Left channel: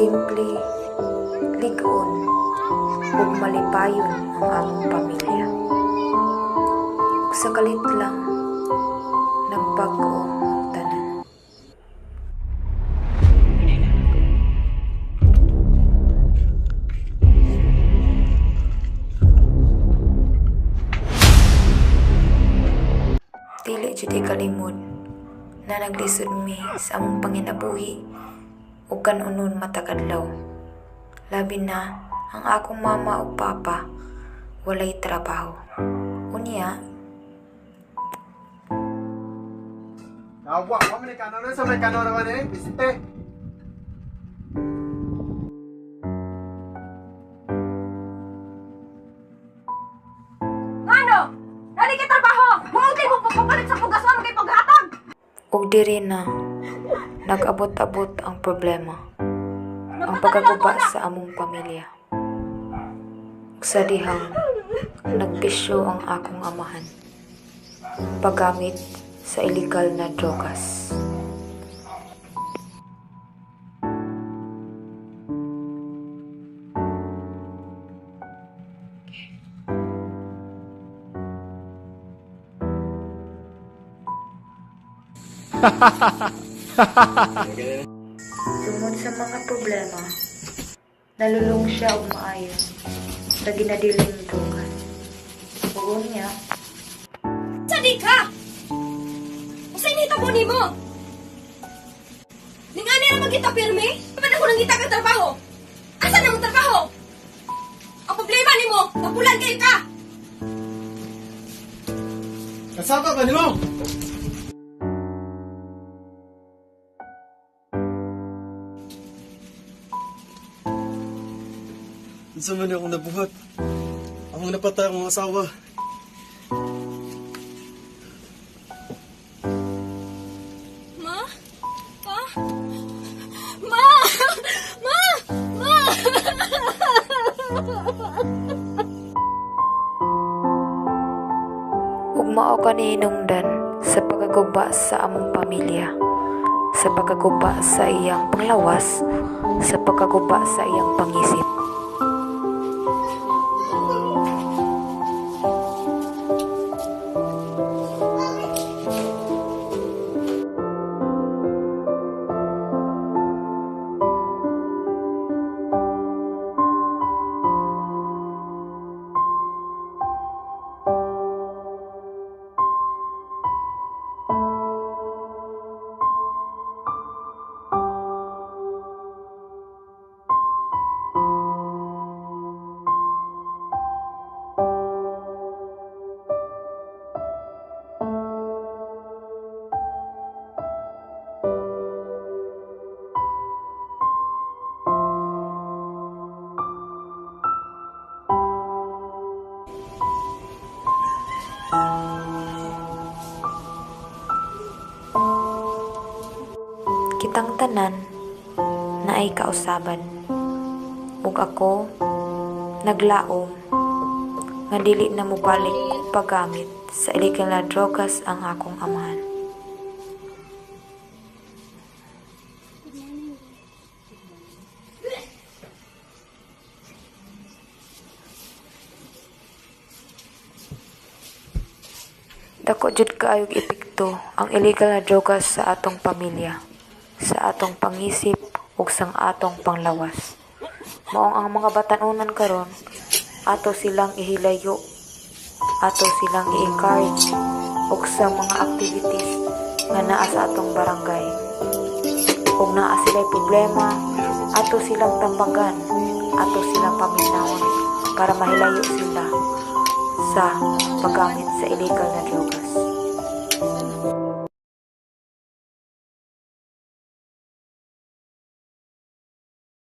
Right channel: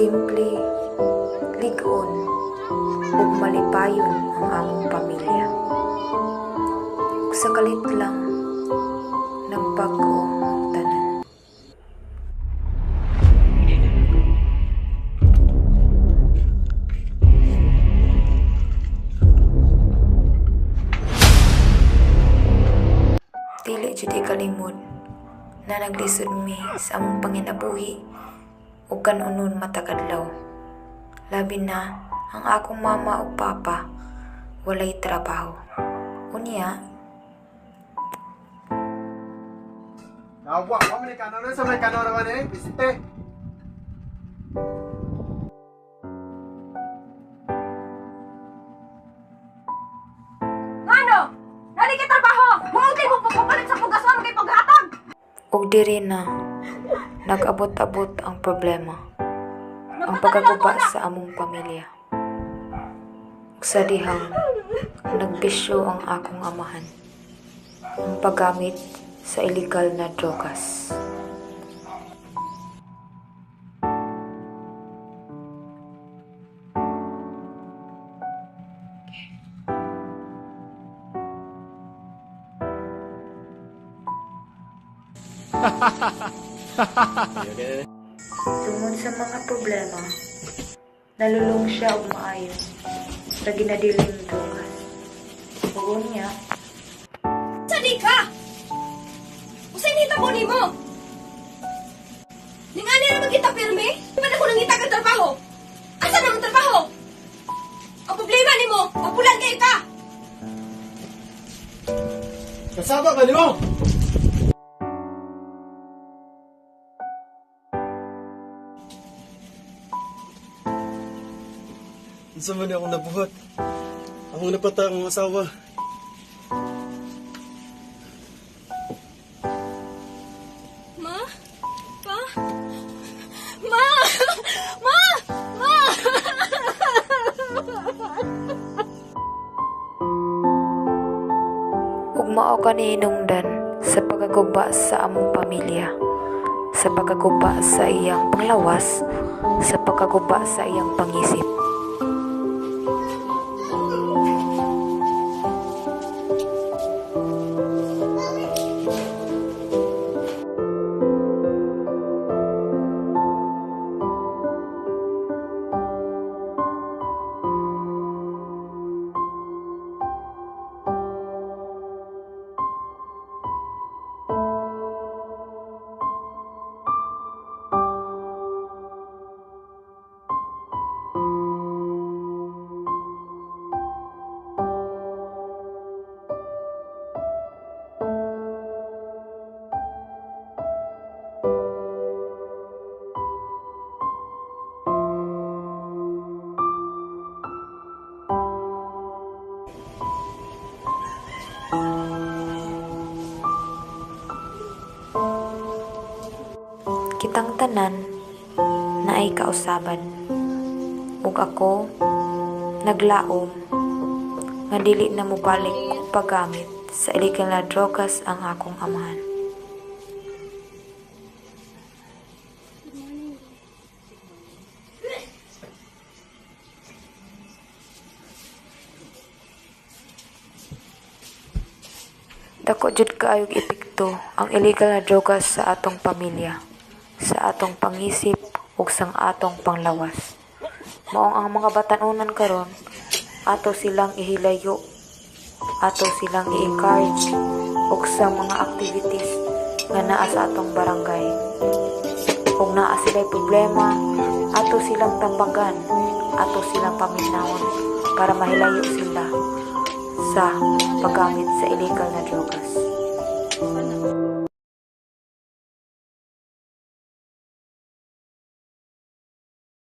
Simple, ligon, ug malipayon ang among pamilya. Ug sa kalit lang, nagbago ang tanan. Dili jud ikalimod na naglisod mi sa among panginabuhi ug kanunon matag adlaw. Labi na ang akong mama ug papa walay trabaho. Unya, Awa, mo ni kanon sa may kanon naman bisite. Ano? Nari ka trabaho! Maungkay mo papalit sa pugason kay paghatag! ug diri na nag-abot-abot ang problema. Ang pagkaguba sa among pamilya. Ug sa dihang nagbisyo ang akong amahan. Ang paggamit sa illegal na drogas. Tungod sa mga problema, nalulong siya og maayo sa ginadiling drogas. Ug unya, Sadi ka! Usay nita ko ni mo! Ningani naman kita pirmi? Ba't ako nangita ka trabaho? Asa naman trabaho? Ang problema ni mo, mapulan kayo ka! Kasama ka nimo. Unsa man akong nabuhat? Akong napatay ang mga asawa. Ma? Pa? Ma! Ma! Ma! ug mao kani hinungdan sa pagkaguba sa among pamilya, sa pagkaguba sa iyang panglawas, sa pagkaguba sa iyang pangisip. Kitang tanan na ay kausaban. Ug ako naglaom nga dili na mobalik og paggamit sa illegal na drogas ang akong amahan. Dako jud kaayog epekto ang illegal na drogas sa atong pamilya, sa atong pangisip ug sang atong panglawas. Maong ang mga batan-onan karon, ato silang ihilayo, ato silang i-encourage ug sa mga activities nga naa sa atong barangay. Kung naa sila'y problema, ato silang tambagan, ato silang paminawon para mahilayo sila sa paggamit sa illegal na drogas.